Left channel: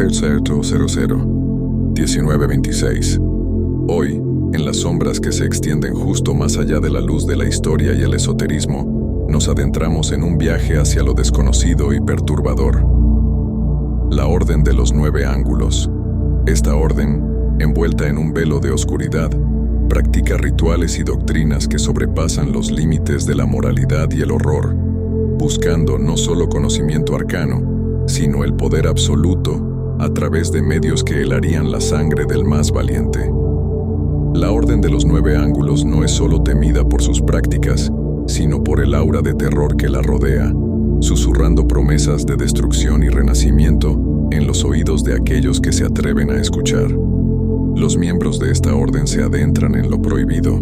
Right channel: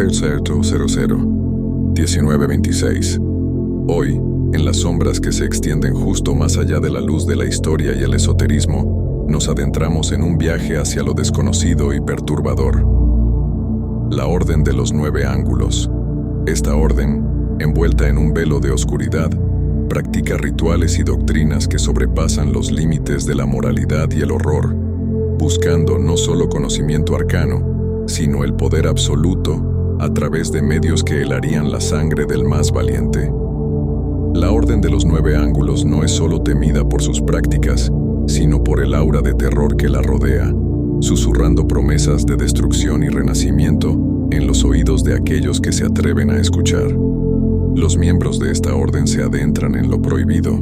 Tercerto 00 1926. Hoy, en las sombras que se extienden justo más allá de la luz de la historia y el esoterismo, nos adentramos en un viaje hacia lo desconocido y perturbador. La Orden de los 9 Ángulos. Esta orden, envuelta en un velo de oscuridad, practica rituales y doctrinas que sobrepasan los límites de la moralidad y el horror, buscando no solo conocimiento arcano, sino el poder absoluto a través de medios que helarían la sangre del más valiente. La Orden de los 9 Ángulos no es solo temida por sus prácticas, sino por el aura de terror que la rodea, susurrando promesas de destrucción y renacimiento en los oídos de aquellos que se atreven a escuchar. Los miembros de esta orden se adentran en lo prohibido,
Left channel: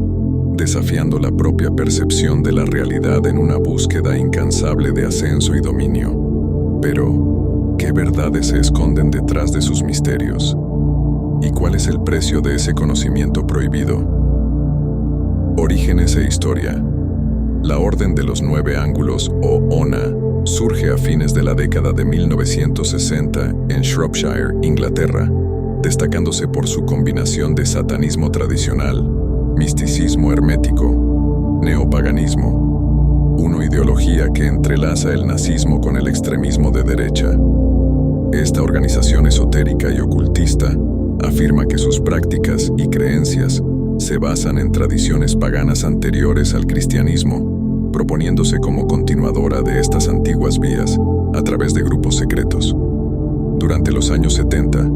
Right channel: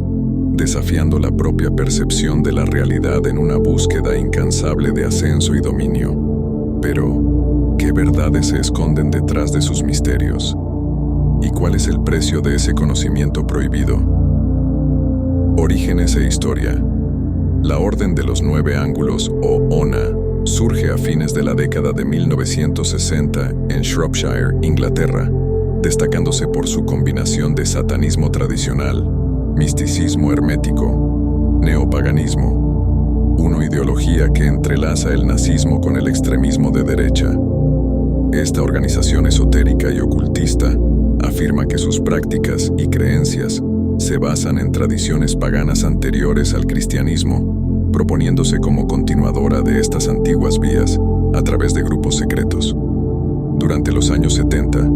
desafiando la propia percepción de la realidad en una búsqueda incansable de ascenso y dominio. Pero, ¿qué verdades se esconden detrás de sus misterios? ¿Y cuál es el precio de ese conocimiento prohibido? Orígenes e historia. La Orden de los 9 Ángulos, o ONA, surge a fines de la década de 1960 en Shropshire, Inglaterra, destacándose por su combinación de satanismo tradicional, misticismo hermético, neopaganismo, una ideología que entrelaza el nazismo con el extremismo de derecha. Esta organización esotérica y ocultista afirma que sus prácticas y creencias se basan en tradiciones paganas anteriores al cristianismo, proponiéndose como continuadora de estas antiguas vías a través de grupos secretos. Durante los años 70,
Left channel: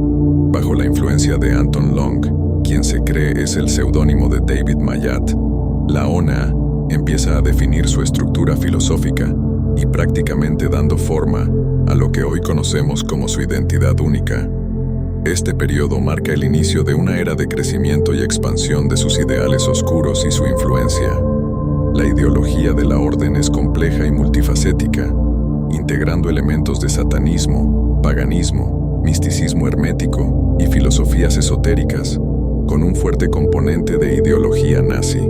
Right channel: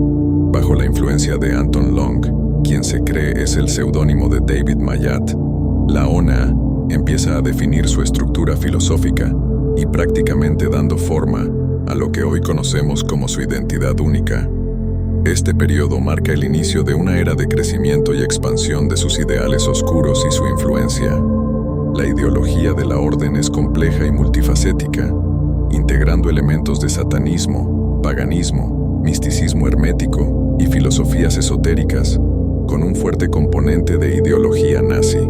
bajo la influencia de Anton Long, quien se cree es el seudónimo de David Mayat, la ONA empieza a definir su estructura filosófica y prácticamente dando forma a lo que hoy conocemos como su identidad única. Este periodo marca el inicio de una era de crecimiento y expansión de sus ideales oscuros y su influencia. La ideología de la orden es compleja y multifacética, integrando elementos de satanismo, paganismo, misticismo hermético y filosofías esotéricas, con un fuerte componente de ideología nazi.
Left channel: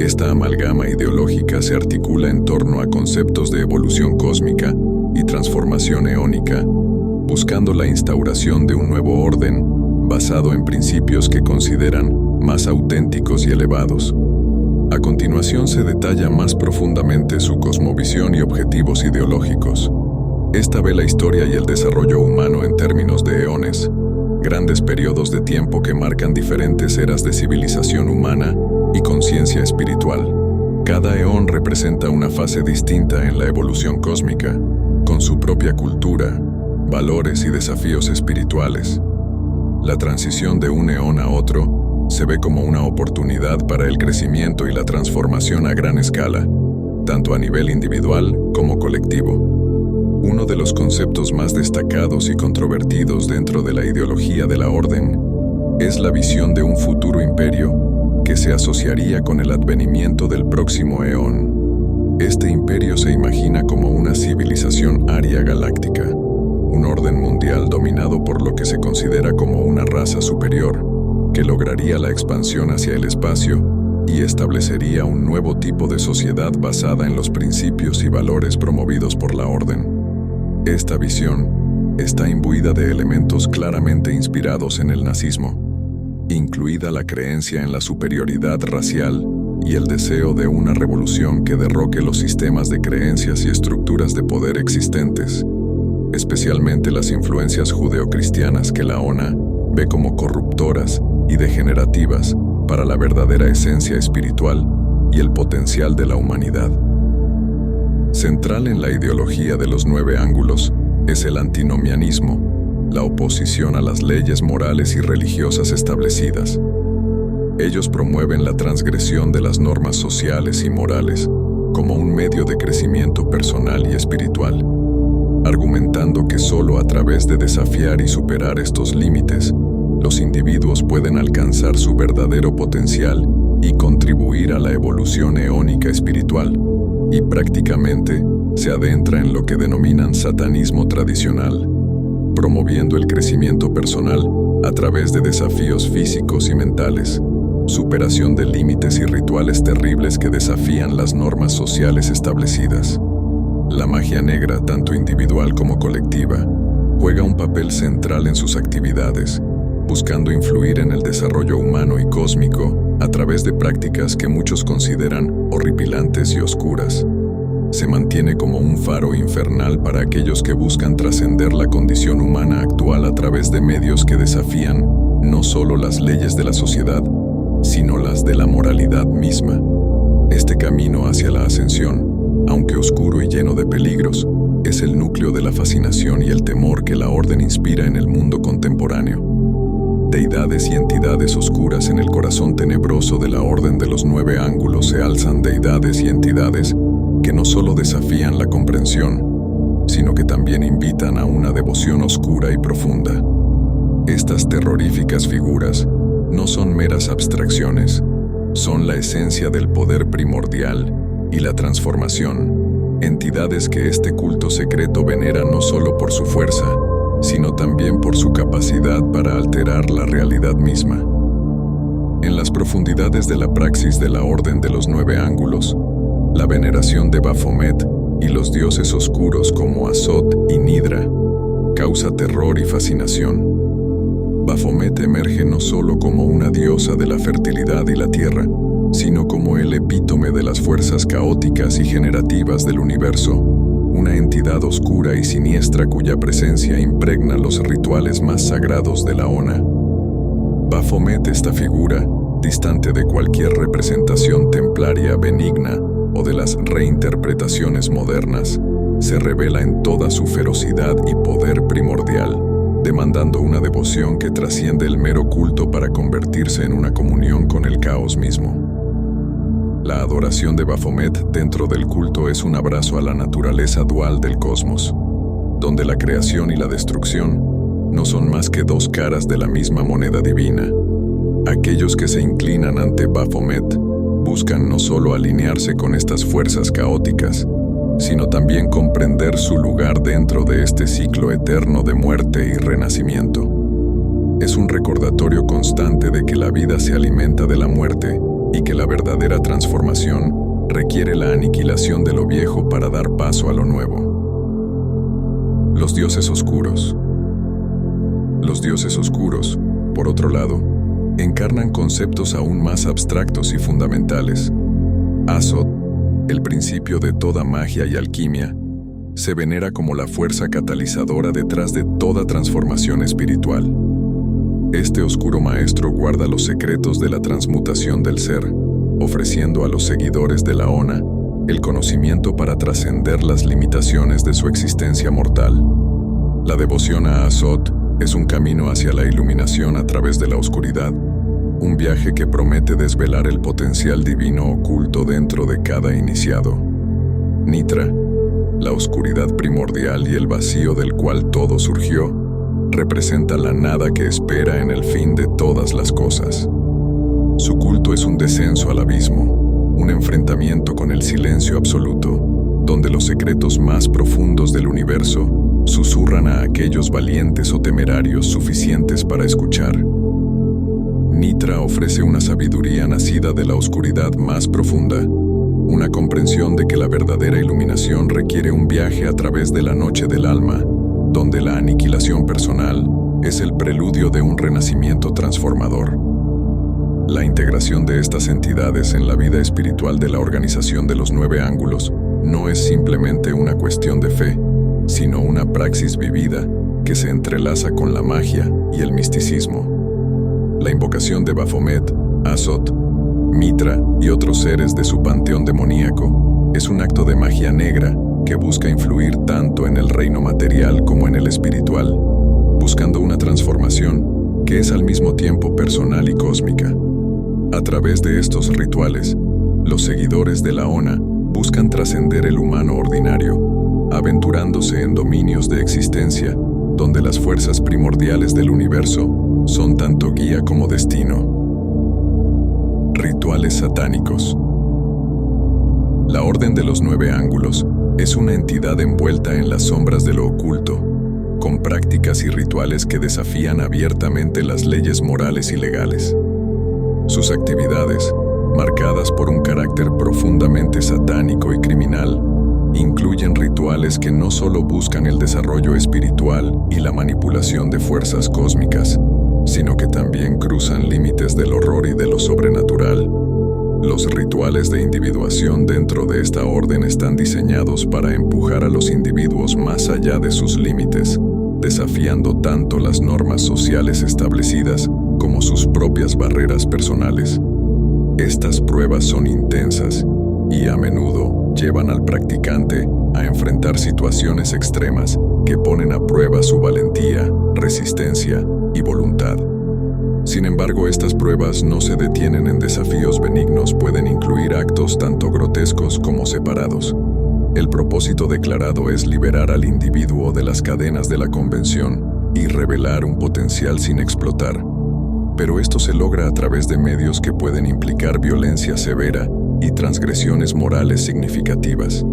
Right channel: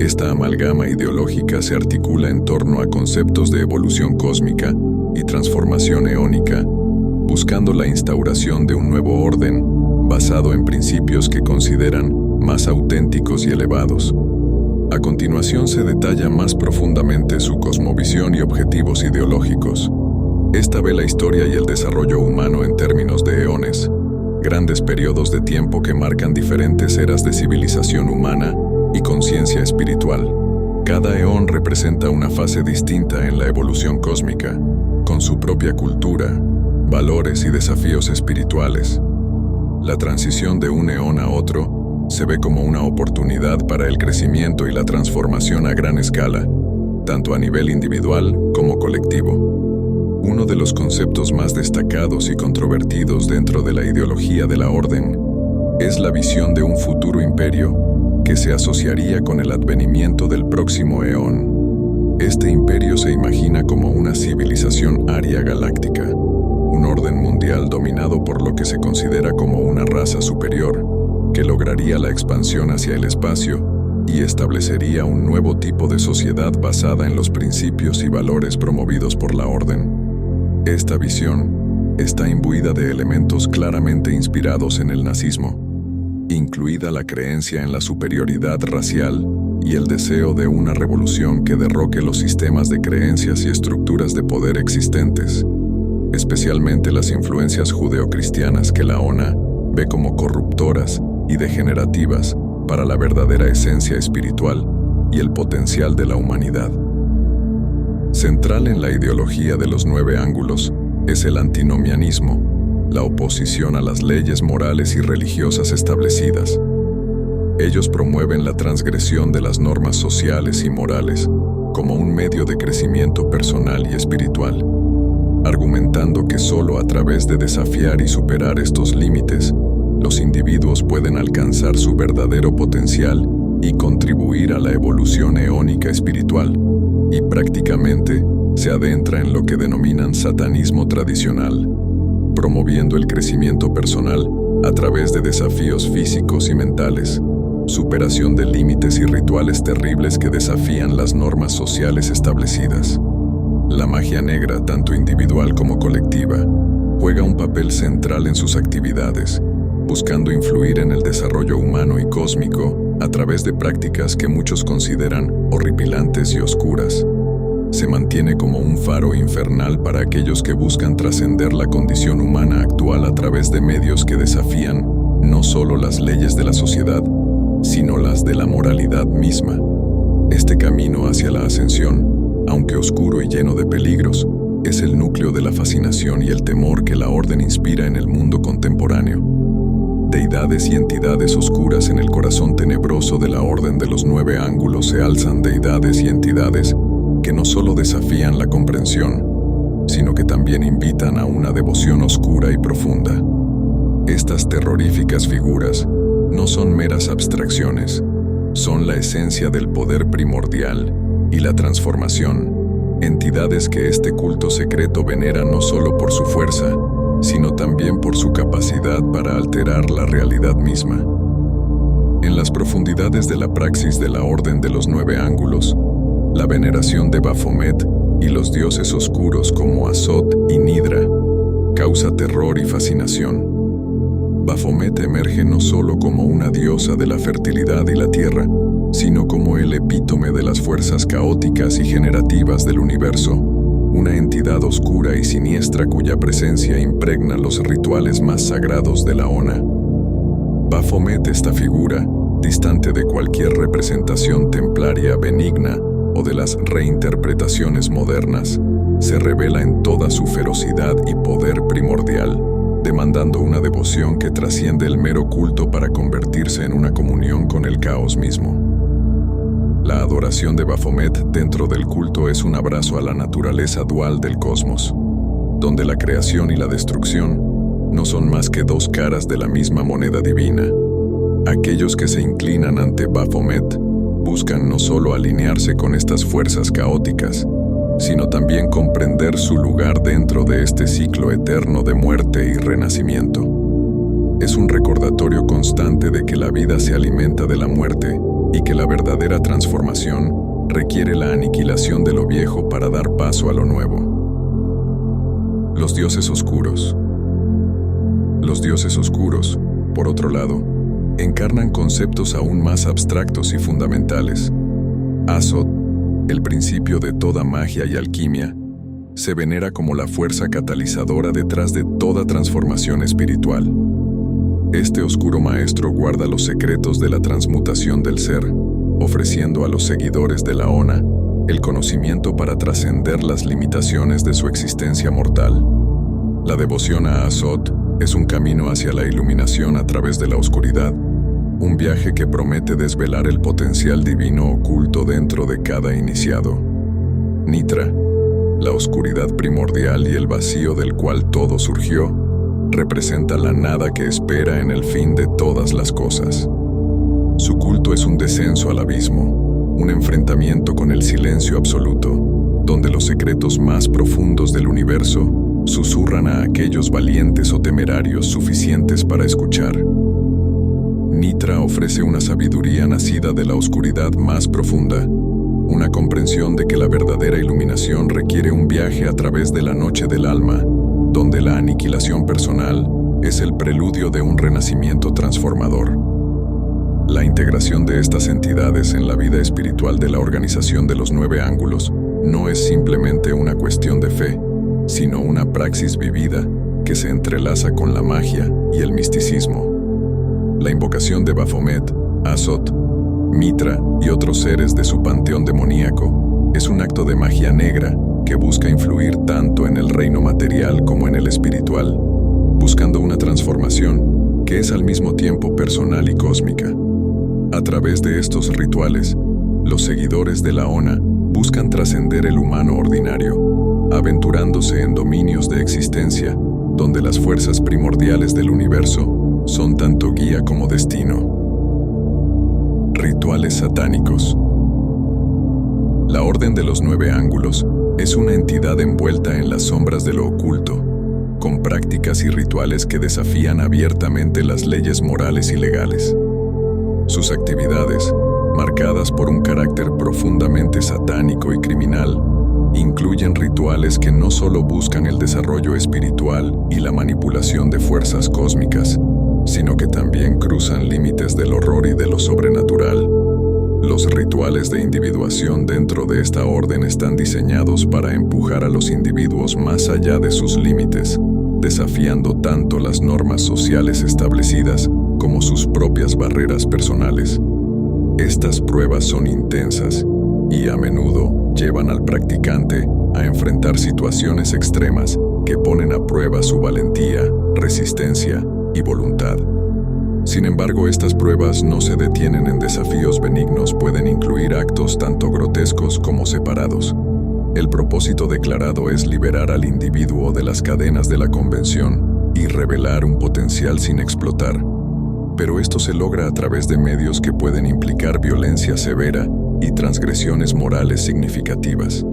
Esta amalgama ideológica se articula en torno a conceptos de evolución cósmica y transformación eónica, buscando la instauración de un nuevo orden basado en principios que consideran más auténticos y elevados. A continuación se detalla más profundamente su cosmovisión y objetivos ideológicos. Esta ve la historia y el desarrollo humano en términos de eones, grandes periodos de tiempo que marcan diferentes eras de civilización humana y conciencia espiritual. Cada eón representa una fase distinta en la evolución cósmica, con su propia cultura, valores y desafíos espirituales. La transición de un eón a otro se ve como una oportunidad para el crecimiento y la transformación a gran escala, tanto a nivel individual como colectivo. Uno de los conceptos más destacados y controvertidos dentro de la ideología de la orden es la visión de un futuro imperio que se asociaría con el advenimiento del próximo eón. Este imperio se imagina como una civilización aria galáctica, un orden mundial dominado por lo que se considera como una raza superior, que lograría la expansión hacia el espacio y establecería un nuevo tipo de sociedad basada en los principios y valores promovidos por la orden. Esta visión está imbuida de elementos claramente inspirados en el nazismo, incluida la creencia en la superioridad racial y el deseo de una revolución que derroque los sistemas de creencias y estructuras de poder existentes, especialmente las influencias judeocristianas que la ONA ve como corruptoras y degenerativas para la verdadera esencia espiritual y el potencial de la humanidad. Central en la ideología de los 9 ángulos es el antinomianismo, la oposición a las leyes morales y religiosas establecidas. Ellos promueven la transgresión de las normas sociales y morales como un medio de crecimiento personal y espiritual, argumentando que solo a través de desafiar y superar estos límites, los individuos pueden alcanzar su verdadero potencial y contribuir a la evolución eónica espiritual, y prácticamente se adentra en lo que denominan satanismo tradicional, promoviendo el crecimiento personal a través de desafíos físicos y mentales, superación de límites y rituales terribles que desafían las normas sociales establecidas. La magia negra, tanto individual como colectiva, juega un papel central en sus actividades, buscando influir en el desarrollo humano y cósmico a través de prácticas que muchos consideran horripilantes y oscuras. Se mantiene como un faro infernal para aquellos que buscan trascender la condición humana actual a través de medios que desafían no solo las leyes de la sociedad, sino las de la moralidad misma. Este camino hacia la ascensión, aunque oscuro y lleno de peligros, es el núcleo de la fascinación y el temor que la Orden inspira en el mundo contemporáneo. Deidades y entidades oscuras en el corazón tenebroso de la Orden de los 9 ángulos se alzan deidades y entidades que no solo desafían la comprensión, sino que también invitan a una devoción oscura y profunda. Estas terroríficas figuras no son meras abstracciones, son la esencia del poder primordial y la transformación, entidades que este culto secreto venera no solo por su fuerza, sino también por su capacidad para alterar la realidad misma. En las profundidades de la praxis de la Orden de los 9 ángulos, la veneración de Baphomet y los dioses oscuros como Azot y Nidra causa terror y fascinación. Baphomet emerge no solo como una diosa de la fertilidad y la tierra, sino como el epítome de las fuerzas caóticas y generativas del universo, una entidad oscura y siniestra cuya presencia impregna los rituales más sagrados de la Ona. Baphomet, esta figura, distante de cualquier representación templaria benigna o de las reinterpretaciones modernas, se revela en toda su ferocidad y poder primordial, demandando una devoción que trasciende el mero culto para convertirse en una comunión con el caos mismo. La adoración de Baphomet dentro del culto es un abrazo a la naturaleza dual del cosmos, donde la creación y la destrucción no son más que 2 caras de la misma moneda divina. Aquellos que se inclinan ante Baphomet buscan no solo alinearse con estas fuerzas caóticas, sino también comprender su lugar dentro de este ciclo eterno de muerte y renacimiento. Es un recordatorio constante de que la vida se alimenta de la muerte y que la verdadera transformación requiere la aniquilación de lo viejo para dar paso a lo nuevo. Los dioses oscuros. Los dioses oscuros, por otro lado, encarnan conceptos aún más abstractos y fundamentales. Azot, el principio de toda magia y alquimia, se venera como la fuerza catalizadora detrás de toda transformación espiritual. Este oscuro maestro guarda los secretos de la transmutación del ser, ofreciendo a los seguidores de la Ona el conocimiento para trascender las limitaciones de su existencia mortal. La devoción a Azot es un camino hacia la iluminación a través de la oscuridad, un viaje que promete desvelar el potencial divino oculto dentro de cada iniciado. Nitra, la oscuridad primordial y el vacío del cual todo surgió, representa la nada que espera en el fin de todas las cosas. Su culto es un descenso al abismo, un enfrentamiento con el silencio absoluto, donde los secretos más profundos del universo susurran a aquellos valientes o temerarios suficientes para escuchar. Nitra ofrece una sabiduría nacida de la oscuridad más profunda, una comprensión de que la verdadera iluminación requiere un viaje a través de la noche del alma, donde la aniquilación personal es el preludio de un renacimiento transformador. La integración de estas entidades en la vida espiritual de la Organización de los 9 ángulos no es simplemente una cuestión de fe, sino una praxis vivida que se entrelaza con la magia y el misticismo. La invocación de Baphomet, Azot, Mitra y otros seres de su panteón demoníaco es un acto de magia negra que busca influir tanto en el reino material como en el espiritual, buscando una transformación que es al mismo tiempo personal y cósmica. A través de estos rituales, los seguidores de la Ona buscan trascender el humano ordinario, aventurándose en dominios de existencia donde las fuerzas primordiales del universo son tanto guía como destino. Rituales satánicos. La Orden de los 9 ángulos es una entidad envuelta en las sombras de lo oculto, con prácticas y rituales que desafían abiertamente las leyes morales y legales. Sus actividades, marcadas por un carácter profundamente satánico y criminal, incluyen rituales que no solo buscan el desarrollo espiritual y la manipulación de fuerzas cósmicas, sino que también cruzan límites del horror y de lo sobrenatural. Los rituales de individuación dentro de esta orden están diseñados para empujar a los individuos más allá de sus límites, desafiando tanto las normas sociales establecidas como sus propias barreras personales. Estas pruebas son intensas y a menudo llevan al practicante a enfrentar situaciones extremas que ponen a prueba su valentía, resistencia y voluntad. Sin embargo, estas pruebas no se detienen en desafíos benignos, pueden incluir actos tanto grotescos como separados. El propósito declarado es liberar al individuo de las cadenas de la convención y revelar un potencial sin explotar. Pero esto se logra a través de medios que pueden implicar violencia severa y transgresiones morales significativas.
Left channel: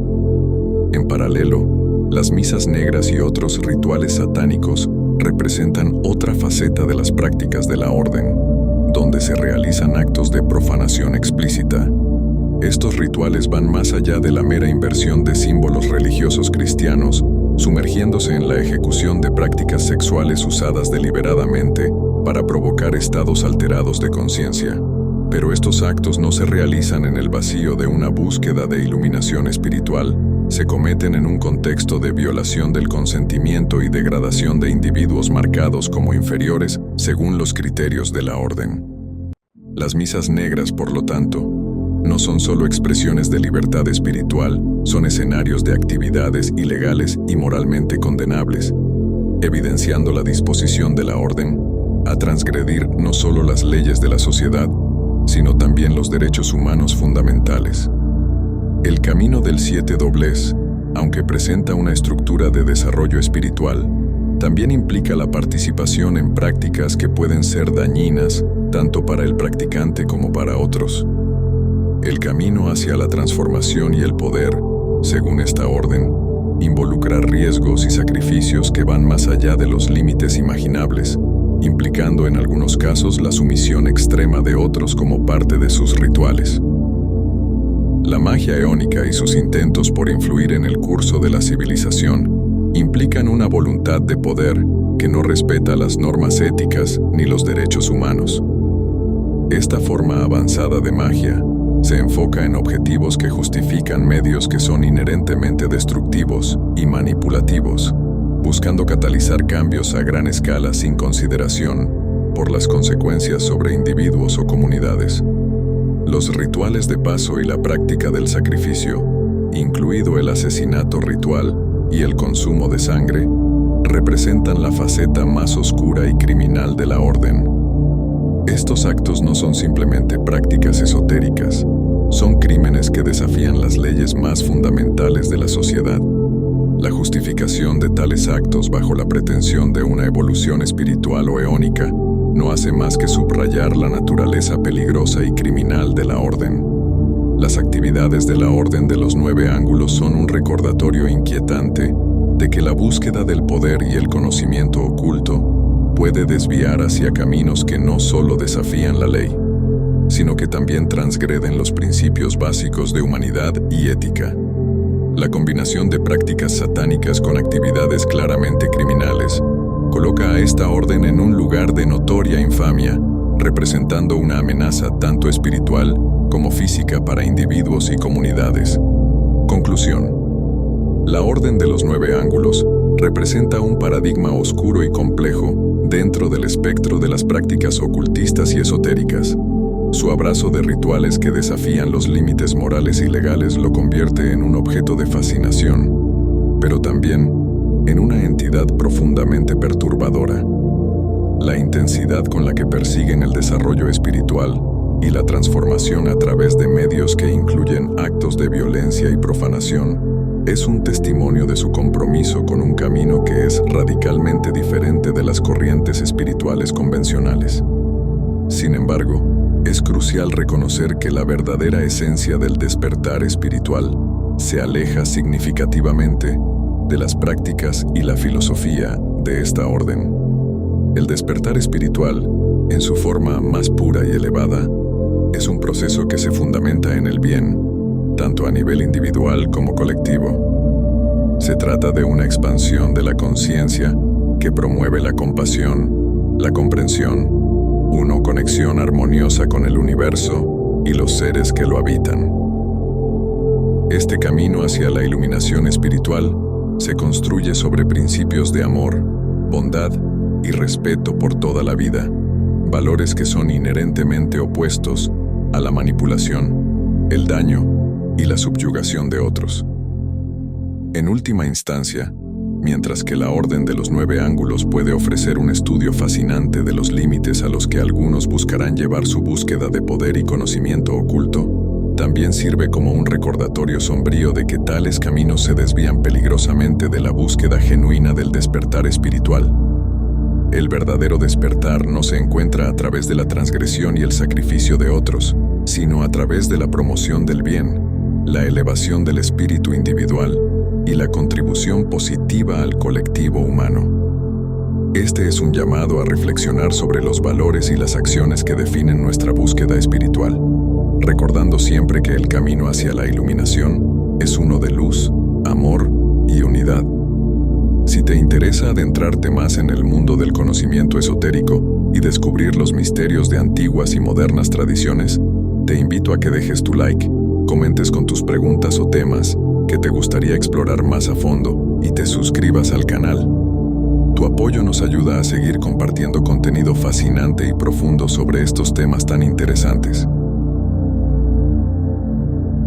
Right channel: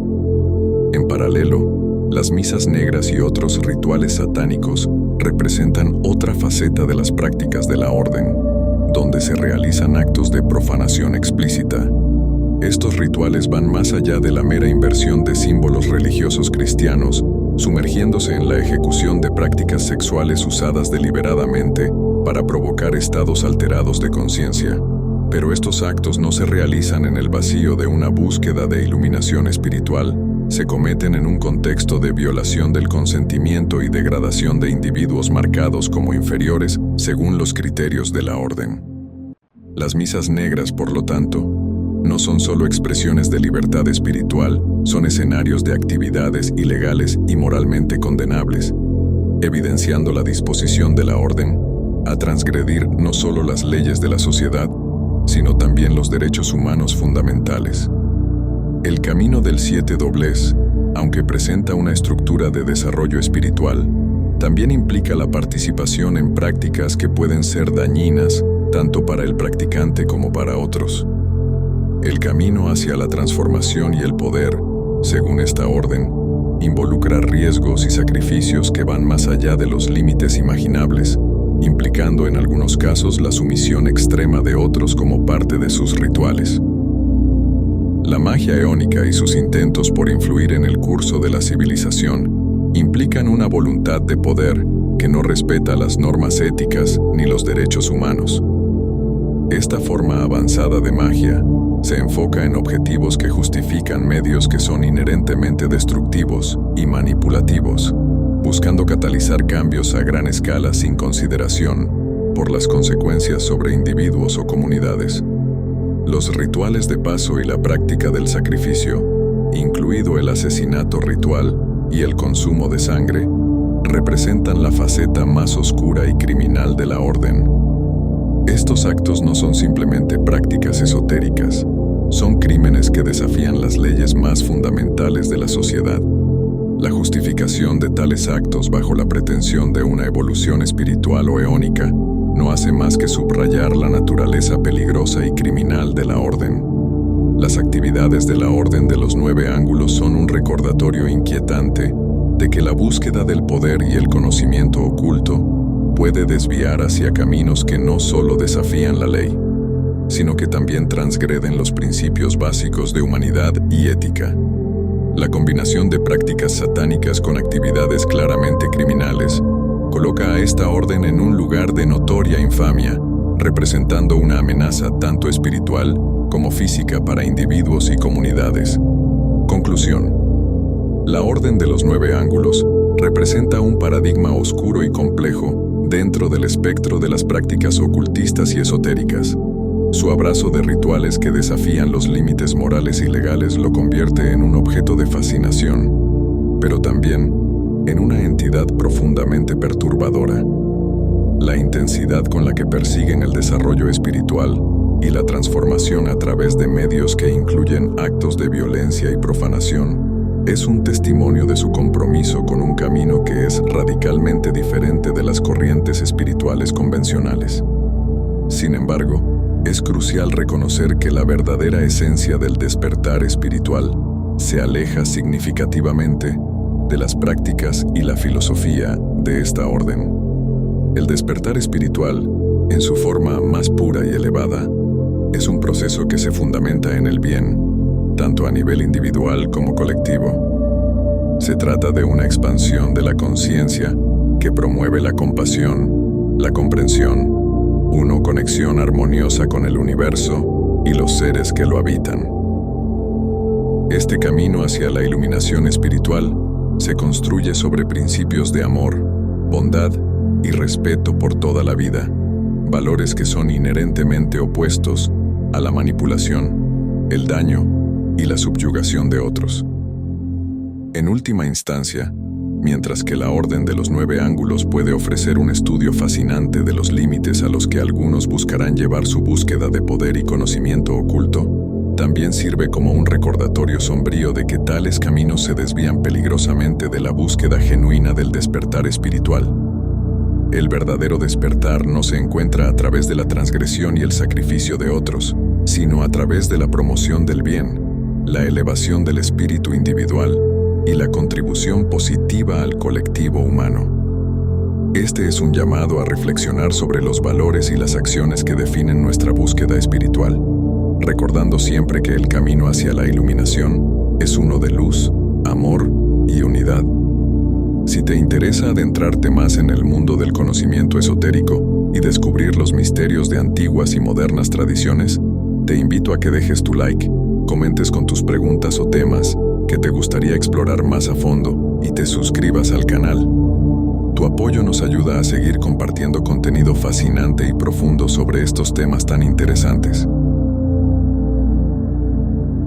En paralelo, las misas negras y otros rituales satánicos representan otra faceta de las prácticas de la orden, donde se realizan actos de profanación explícita. Estos rituales van más allá de la mera inversión de símbolos religiosos cristianos, sumergiéndose en la ejecución de prácticas sexuales usadas deliberadamente para provocar estados alterados de conciencia. Pero estos actos no se realizan en el vacío de una búsqueda de iluminación espiritual, se cometen en un contexto de violación del consentimiento y degradación de individuos marcados como inferiores según los criterios de la orden. Las misas negras, por lo tanto, no son solo expresiones de libertad espiritual, son escenarios de actividades ilegales y moralmente condenables, evidenciando la disposición de la orden a transgredir no solo las leyes de la sociedad, sino también los derechos humanos fundamentales. El camino del siete doblez, aunque presenta una estructura de desarrollo espiritual, también implica la participación en prácticas que pueden ser dañinas tanto para el practicante como para otros. El camino hacia la transformación y el poder, según esta orden, involucra riesgos y sacrificios que van más allá de los límites imaginables, implicando en algunos casos la sumisión extrema de otros como parte de sus rituales. La magia eónica y sus intentos por influir en el curso de la civilización implican una voluntad de poder que no respeta las normas éticas ni los derechos humanos. Esta forma avanzada de magia se enfoca en objetivos que justifican medios que son inherentemente destructivos y manipulativos, buscando catalizar cambios a gran escala sin consideración por las consecuencias sobre individuos o comunidades. Los rituales de paso y la práctica del sacrificio, incluido el asesinato ritual y el consumo de sangre, representan la faceta más oscura y criminal de la orden. Estos actos no son simplemente prácticas esotéricas, son crímenes que desafían las leyes más fundamentales de la sociedad. La justificación de tales actos bajo la pretensión de una evolución espiritual o eónica no hace más que subrayar la naturaleza peligrosa y criminal de la orden. Las actividades de la Orden de los Nueve Ángulos son un recordatorio inquietante de que la búsqueda del poder y el conocimiento oculto puede desviar hacia caminos que no solo desafían la ley, sino que también transgreden los principios básicos de humanidad y ética. La combinación de prácticas satánicas con actividades claramente criminales coloca a esta orden en un lugar de notoria infamia, representando una amenaza tanto espiritual como física para individuos y comunidades. Conclusión. La Orden de los Nueve Ángulos representa un paradigma oscuro y complejo dentro del espectro de las prácticas ocultistas y esotéricas. Su abrazo de rituales que desafían los límites morales y legales lo convierte en un objeto de fascinación, pero también en una entidad profundamente perturbadora. La intensidad con la que persiguen el desarrollo espiritual y la transformación a través de medios que incluyen actos de violencia y profanación es un testimonio de su compromiso con un camino que es radicalmente diferente de las corrientes espirituales convencionales. Sin embargo, es crucial reconocer que la verdadera esencia del despertar espiritual se aleja significativamente de las prácticas y la filosofía de esta orden. El despertar espiritual, en su forma más pura y elevada, es un proceso que se fundamenta en el bien, tanto a nivel individual como colectivo. Se trata de una expansión de la conciencia que promueve la compasión, la comprensión, una conexión armoniosa con el universo y los seres que lo habitan. Este camino hacia la iluminación espiritual se construye sobre principios de amor, bondad y respeto por toda la vida, valores que son inherentemente opuestos a la manipulación, el daño y la subyugación de otros. En última instancia, mientras que la Orden de los 9 Ángulos puede ofrecer un estudio fascinante de los límites a los que algunos buscarán llevar su búsqueda de poder y conocimiento oculto, también sirve como un recordatorio sombrío de que tales caminos se desvían peligrosamente de la búsqueda genuina del despertar espiritual. El verdadero despertar no se encuentra a través de la transgresión y el sacrificio de otros, sino a través de la promoción del bien, la elevación del espíritu individual y la contribución positiva al colectivo humano. Este es un llamado a reflexionar sobre los valores y las acciones que definen nuestra búsqueda espiritual, recordando siempre que el camino hacia la iluminación es uno de luz, amor y unidad. Si te interesa adentrarte más en el mundo del conocimiento esotérico y descubrir los misterios de antiguas y modernas tradiciones, te invito a que dejes tu like, comentes con tus preguntas o temas que te gustaría explorar más a fondo y te suscribas al canal. Tu apoyo nos ayuda a seguir compartiendo contenido fascinante y profundo sobre estos temas tan interesantes.